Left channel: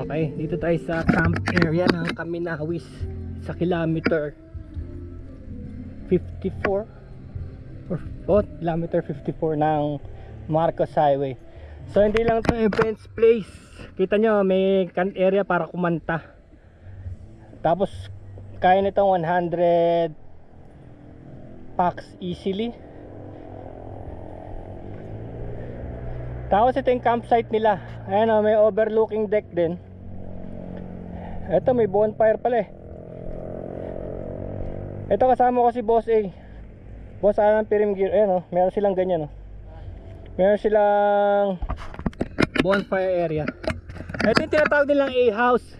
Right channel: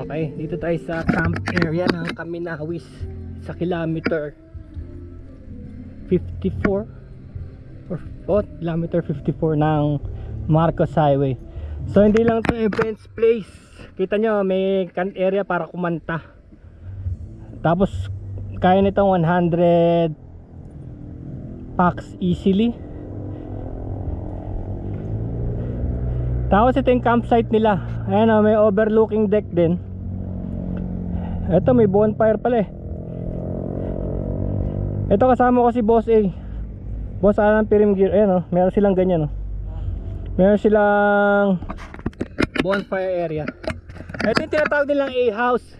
Okay, dito tayo sa camp area ng Kaminawis sa kilometer 54 or kilometer 54 ng Marcos Highway. So hindi lang ito events place. Kita nyo may camp area para kumanta. Tapos kaya nitong 100 packs easily. Tapos ito yung campsite nila. Ayan o, may overlooking deck din. Ito may bonfire pala eh. Ito kasama ko si Boss A, Boss Alan Pirim Gear. Ayan o, meron silang ganyan o. Meron silang bonfire area. Ito yung tinatawag nilang A-house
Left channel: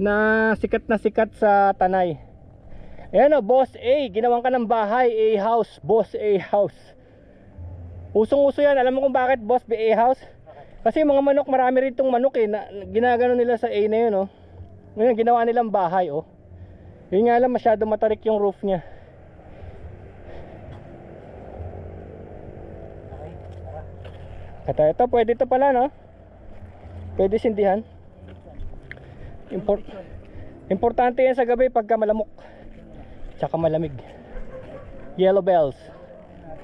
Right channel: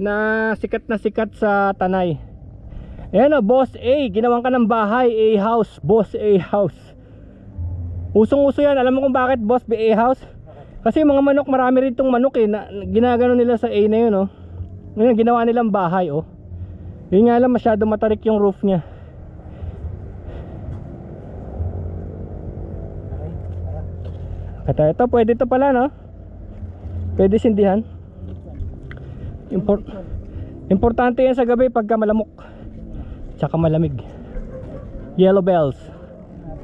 na sikat sa Tanay. Ayan o, Boss A, ginawan ka ng bahay. A-house, Boss A-house. Usong-uso yan. Alam mo kung bakit, Boss A-house? Kasi mga manok, marami rin itong manok eh na, ginagano nila sa A na yun oh. Ngayon ginawa nilang bahay oh. Yun nga lang, masyado matarik yung roof nya. Kata ito, pwede ito pala no. Pwede sindihan. Importante yan sa gabi pagka malamok tsaka malamig. Yellow bells,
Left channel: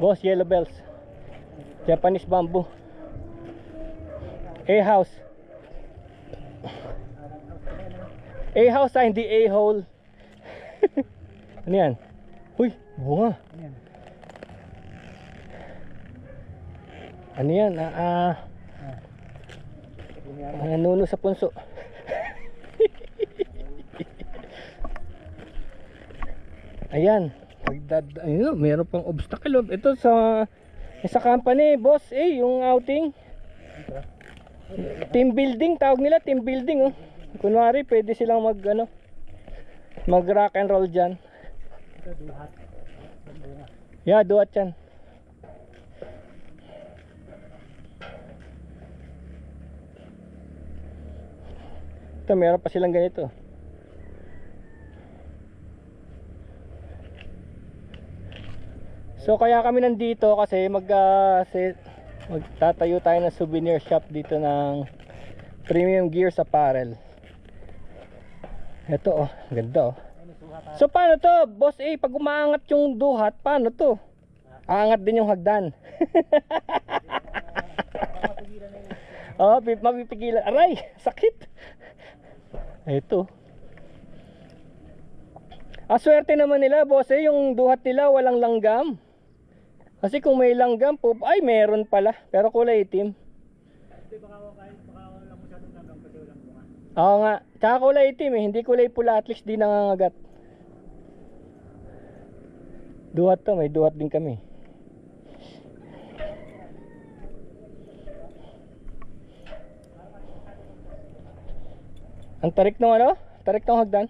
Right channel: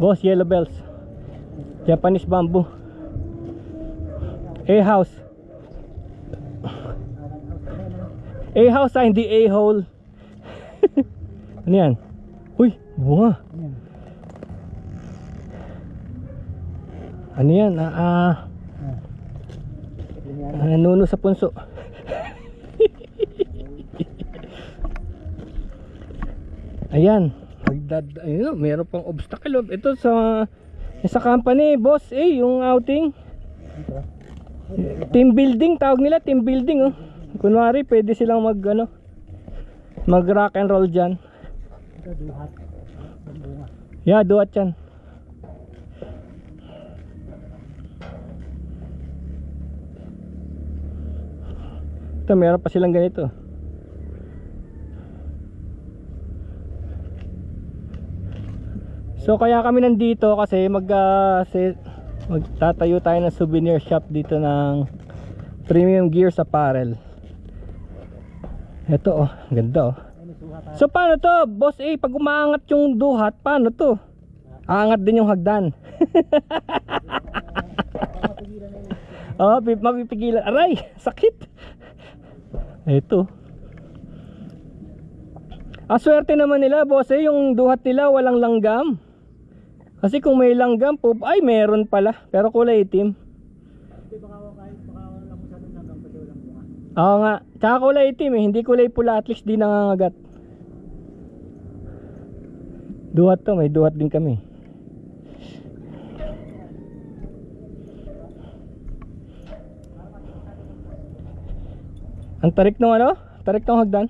Boss, yellow bells. Japanese bamboo. A-house. A-house hindi A-hole. Ano yan? Uy, bunga. Ano yan? Nanuno sa punso. Ayan. Ayun, meron pang obstacle. Ito sa company, Boss yung outing. Team building, tawag nila, team building oh. Kunwari, pwede silang mag rock and roll dyan. Yeah, duhat yan. Ito, meron pa silang ganito. So kaya kami nandito kasi magtatayo tayo ng souvenir shop dito ng Premium Gears Apparel. Ito oh, ganda oh. So paano to, Boss A, pag umaangat yung duhat, paano to? Aangat din yung hagdan. Oh, mapipigilan. Aray, sakit. Ito. Ang swerte naman nila, Boss A, yung duhat nila walang langgam. Kasi kung may langgam po, ay meron pala, pero kulay itim. Oo nga, tsaka kulay itim eh, hindi kulay pula, at least di nangangagat. Duhat to, may duhat din kami. Ang tarik ng ano? Tarik ng hagdan.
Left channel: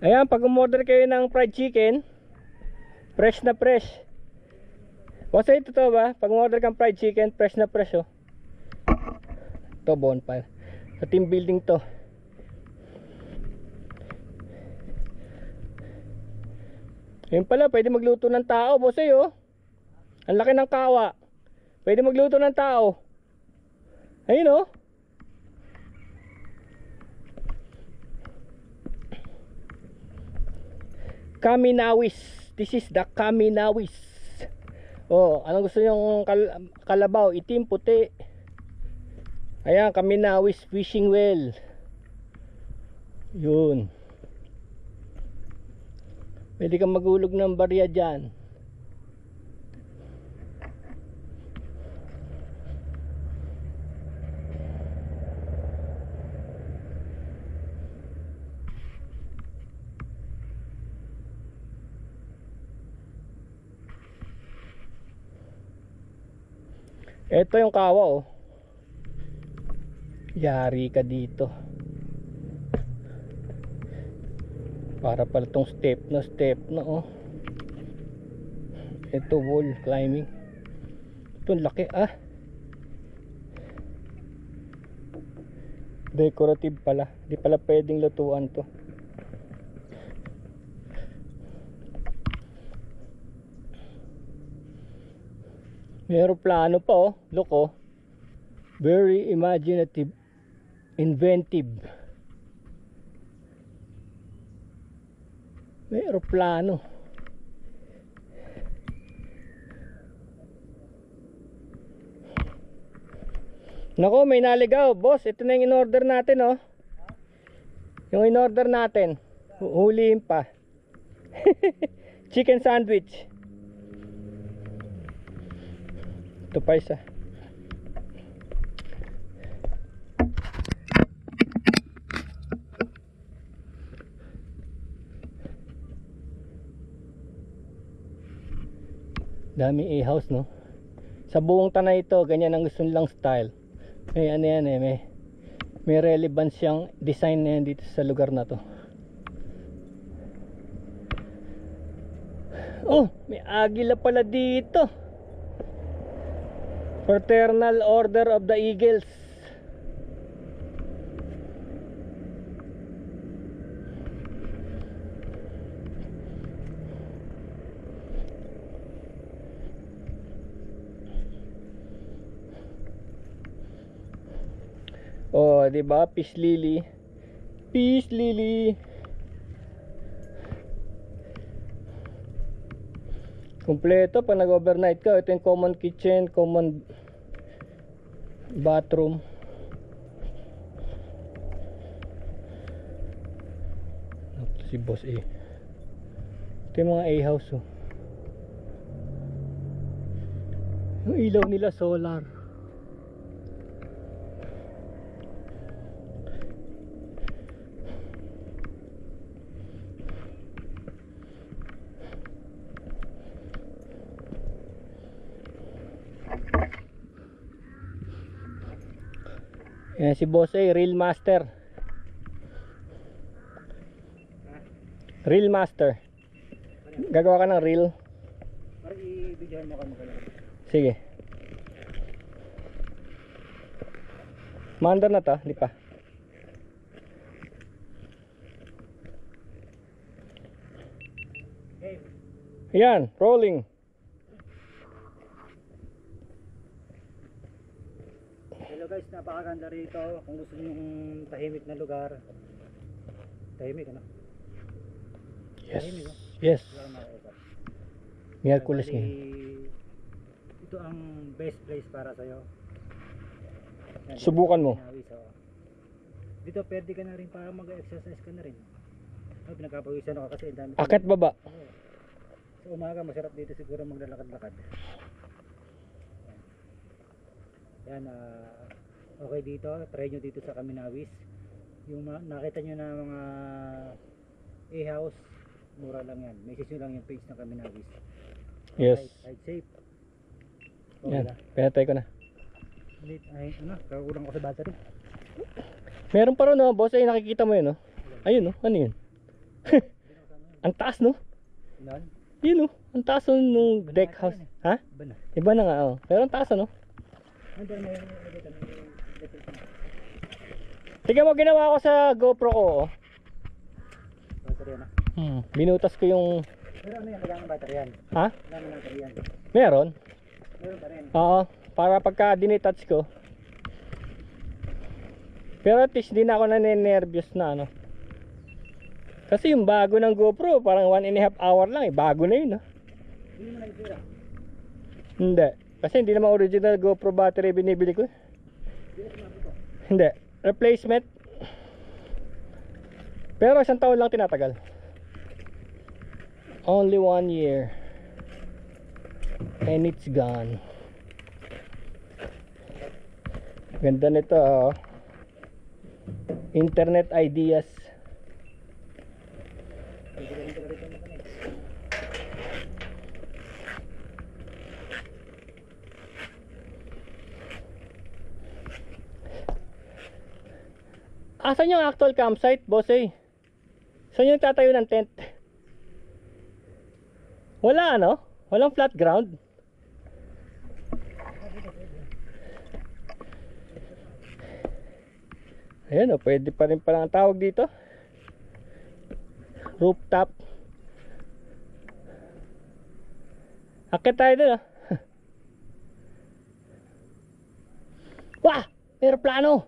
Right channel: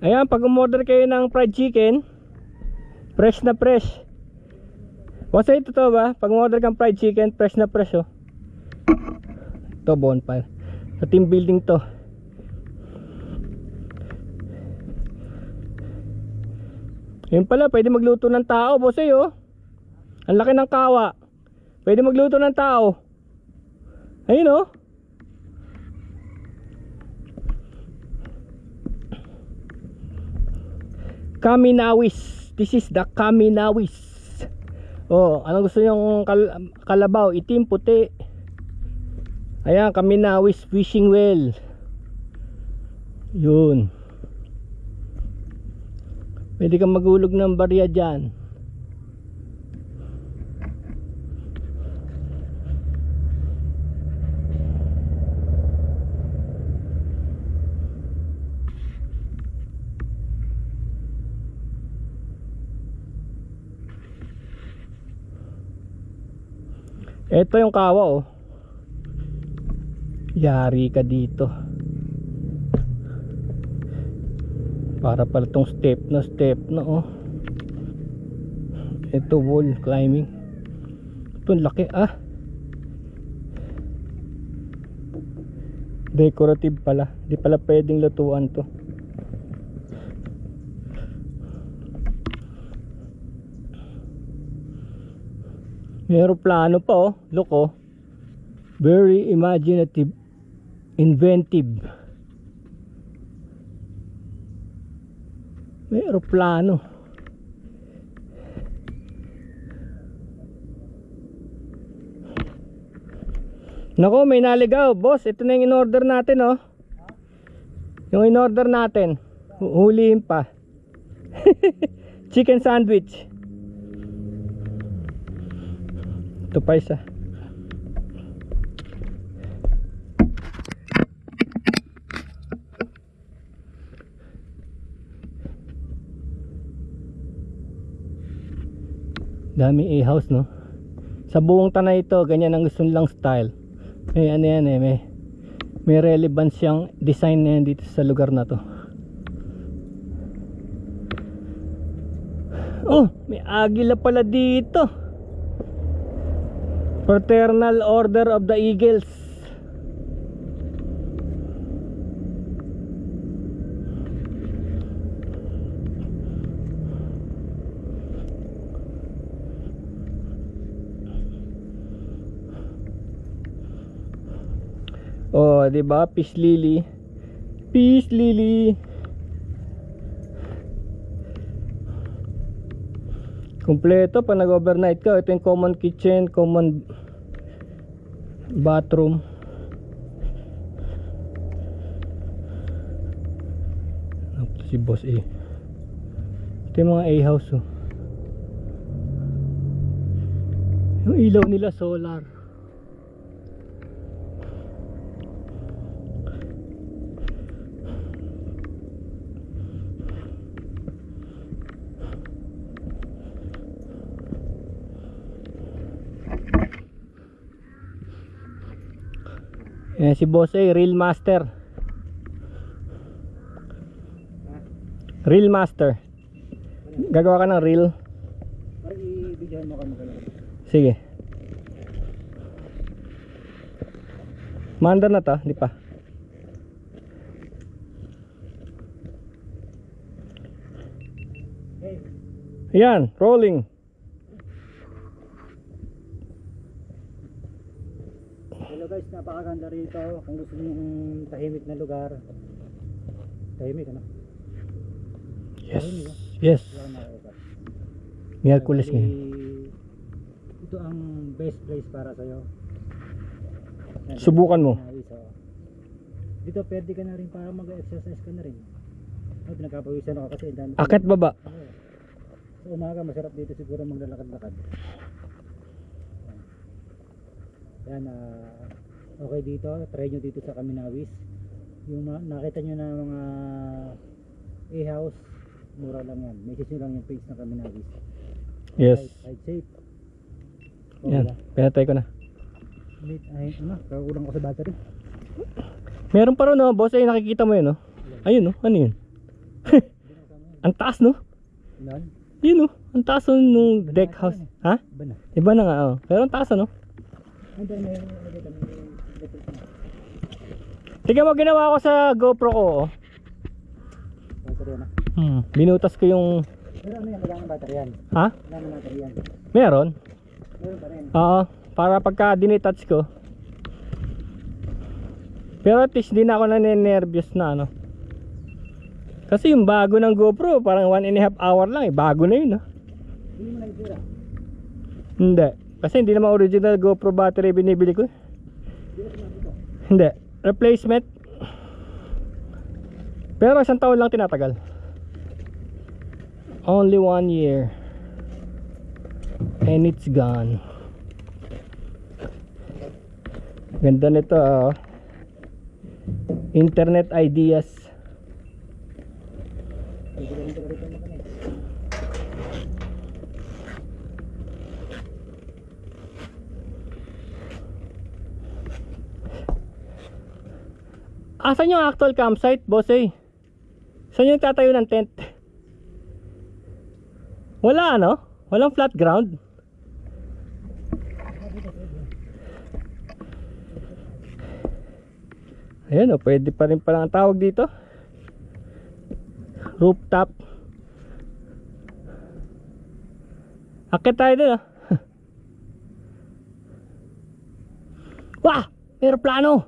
Ayan, pag umorder kayo ng fried chicken, fresh na fresh. Wasa ito to ba? Pag umorder kang fried chicken, fresh na fresh oh. Ito bonfire. Sa team building to. Yun pala, pwede magluto ng tao, boss oh. Ang laki ng kawa. Pwede magluto ng tao. Ayun oh. Kaminawis. This is the Kaminawis. Oh, anong gusto nyong kalabaw? Itim, puti. Ayan, Kaminawis fishing well. Yun. Pwede kang magulog ng barya dyan. Ito yung kawa oh. Yari ka dito. Para pala tong step na oh. Ito wall climbing. Ito laki ah. Decorative pala. Di pala pwedeng lutuan to. May aeroplano pa oh. Look oh. Very imaginative. Inventive. May aeroplano. Nako, may naligaw. Boss, ito na yung in-order natin oh. Yung in-order natin. Huliin pa. Chicken sandwich. Ito pa isa. Dami A-house no. Sa buong tanay ito, ganyan ang gusto nilang style. May ano yan eh, may relevance yung design na yan dito sa lugar na to. Oh, may agila pala dito. Fraternal Order of the Eagles. Oh, 'di ba? Peace lily. Peace lily. Kompleto pa nag-overnight ka. Ito yung common kitchen, common bathroom. Ito si Boss A. Ito yung mga A-house oh. Yung ilaw nila solar. Yan si Boss A, Reel Master. Reel Master. Gagawa ka ng reel. Sige. Manda na to, di pa. Yan, rolling. Hello guys, napakaganda rito. Kung gusto niyo yung tahimik na lugar. Tahimik ano? Yes. Tahimik, oh. Yes. Wala kang makikita. Miyerkules Bali, ngayon. ito ang best place para sa'yo. Yan, Subukan mo. Pinawis, oh. Dito pwede ka na rin para mag-exercise ka na rin. Oh, pinagkapawisan ako kasi ang dami. Akit baba. Sa umaga masarap dito siguro maglalakad-lakad. Yan, okay dito, try nyo dito sa Kaminawis. Yung nakita nyo na mga A-house, mura lang yan. Message nyo lang yung page ng Kaminawis. Yes. Ride safe. Yan, pinatay ko na. Ay, kakulang ko sa battery. Meron pa rin no, Boss A, nakikita mo yun no? Ayun no, ano yun? Ang taas no? Ilan? Yun no, ang taas no, nung deck house. Ha? Iba na. Iba na nga oh. Pero ang taas no? Tingnan mo ginawa ko sa GoPro ko oh. Battery na. Binutas ko yung... Pero ano yan, kailangan battery yan. Ha? Kailangan battery yan. Meron? Meron pa rin. Oo, para pagka dinitouch ko. Pero at least di na ako naninervyos na ano. Kasi yung bago ng GoPro parang 1.5 hour lang eh. Bago na yun ah. Hindi mo lang tira. Hindi. Kasi hindi naman original GoPro battery binibili ko eh. Hindi. Replacement. Pero isang taon lang tinatagal. Only 1 year. And it's gone. Ganda nito ah. Internet ideas. Asan yung actual campsite, Boss A? Saan yung tatayo ng tent? Wala ano? Walang flat ground? Ayan o, pwede pa rin pala ang tawag dito. Rooftop. Akit tayo dun ah. Wah! Aeroplano!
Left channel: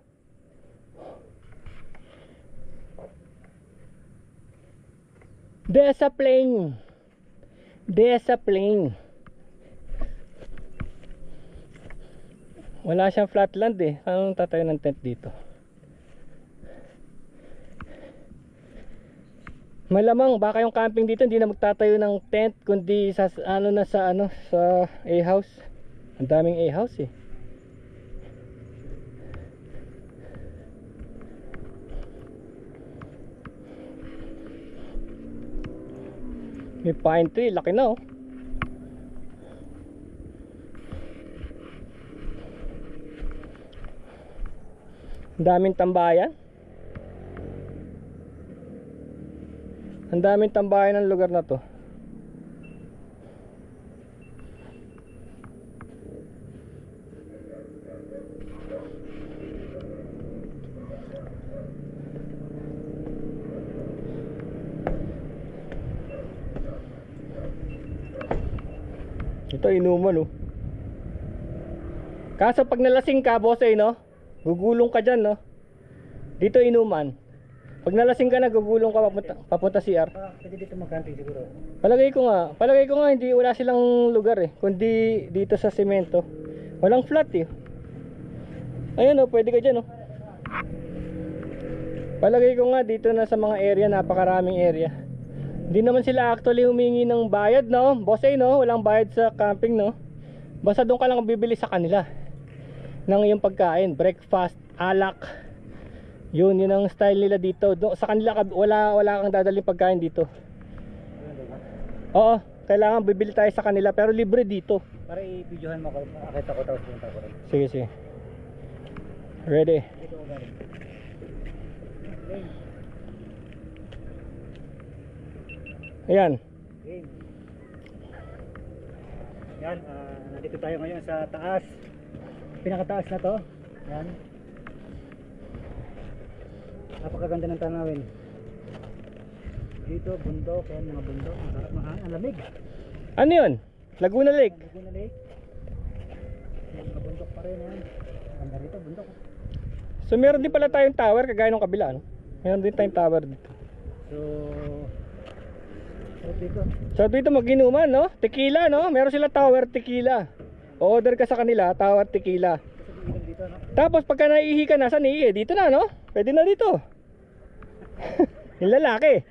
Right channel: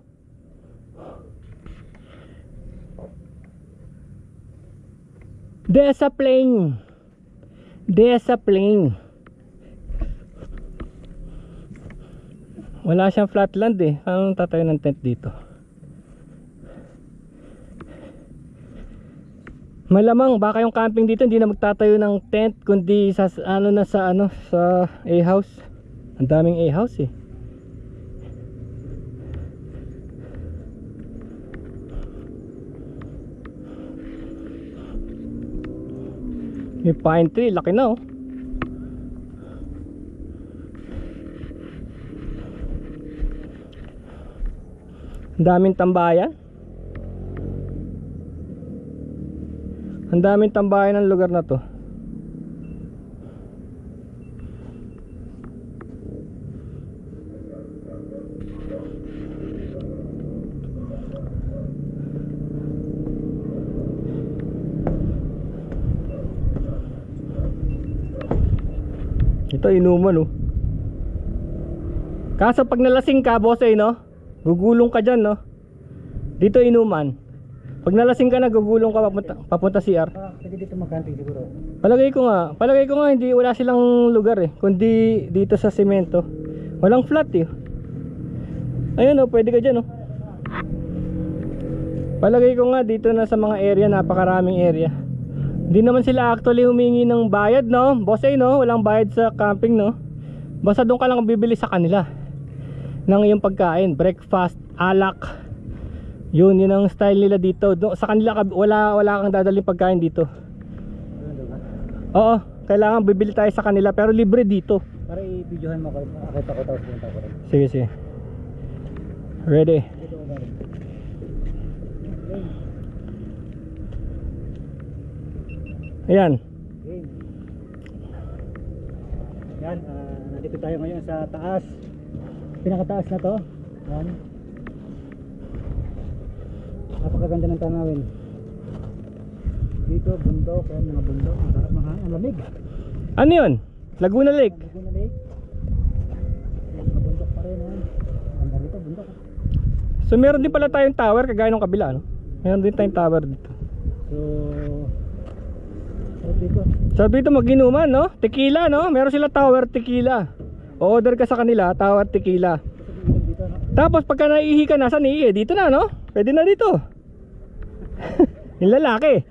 Desaplane! Desaplane! Wala siyang flatland eh. Paano tatayo ng tent dito? Malamang baka yung camping dito hindi na magtatayo ng tent kundi sa sa A-house. Ang daming A-house eh. May pine tree, laki na oh. Ang daming tambayan. Ang daming tambayan ng lugar na to. Ito inuman oh. Kaso pag nalasing ka boss no, gugulong ka dyan no. Dito inuman. Pag nalasing ka na gugulong ka papunta CR. Pwede dito mag-camping siguro. Palagay ko nga hindi, wala silang lugar eh, kundi dito sa semento. Walang flat eh. Ayun oh, pwede ka dyan oh. Palagay ko nga dito na sa mga area, napakaraming area. Hindi naman sila actually humingi ng bayad no, boss no, walang bayad sa camping no. Basta doon ka lang bibili sa kanila ng iyong pagkain, breakfast, alak. Yun ang style nila dito. Sa kanila wala kang dadaling pagkain dito. Oo, kailangan bibili tayo sa kanila pero libre dito. Para i-videohan mo ko, akita ko tapos punta ko rin. Sige, sige. Ready. Dito ko galing. Ayan. Game. Yan, nandito tayo ngayon sa taas. Pinakataas na to. Yan. Napakaganda ng tanawin. Dito bundok, yan mga bundok, ang lamig. Ano yun? Laguna Lake. Laguna Lake. Mga bundok pa rin yan. Ang ganito bundok. So meron din pala tayong tower kagaya ng kabila no? Meron din tayong tower dito. So dito mag-inuman no? Tequila no? Meron sila tower tequila. Order ka sa kanila, tower tequila. Dito, no? Tapos pagka naiihi ka, nasa niihi, dito na no? Pwede na dito. Yung lalaki.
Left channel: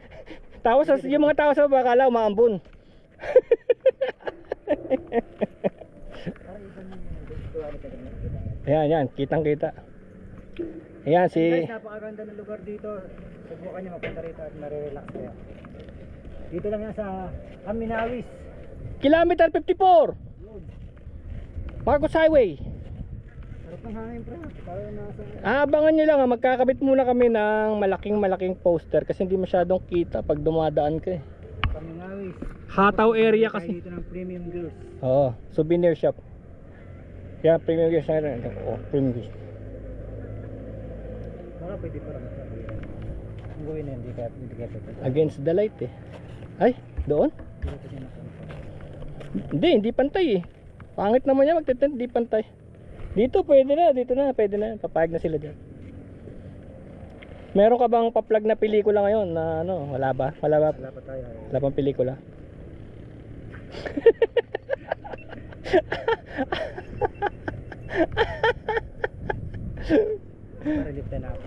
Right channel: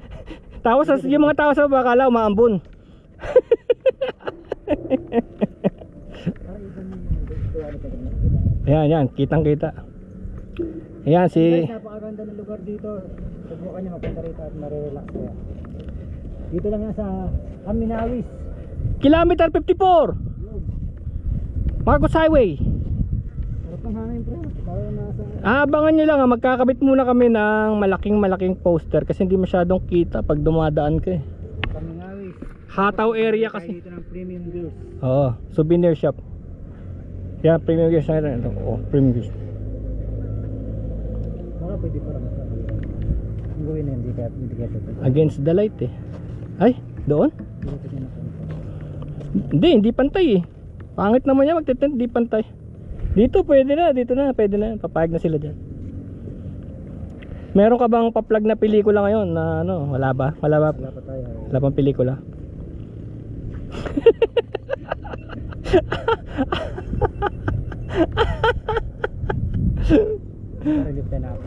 Tapos yung mga tao sa bakala umaambon. Yan, kitang kita. Ayan si... Guys, napakaganda ng lugar dito. Subukan nyo magpunta rito at marirelax kayo. Dito lang yan sa Aminawis. Kilometer 54 Marcos Highway. Harap ng hangin pre. Parang nasa... Abangan nyo lang magkakabit muna kami ng malaking poster kasi hindi masyadong kita pag dumadaan ka eh. Aminawis. Hataw area kasi. Dito ng premium goods. Oo, souvenir shop. Yan, premium goods na rin. Oh, premium goods. Baka pwede pa rin. Ang gawin na hindi kaya pwede. Against the light eh. Ay, doon? Dito pwede na ito. Hindi pantay eh. Pangit naman yan magtitent, hindi pantay. Dito pwede na, pwede na. Papayag na sila dyan. Meron ka bang pa-plug na pelikula ngayon na ano, wala ba? Wala pa tayo. Wala pang pelikula. Para lift na ako.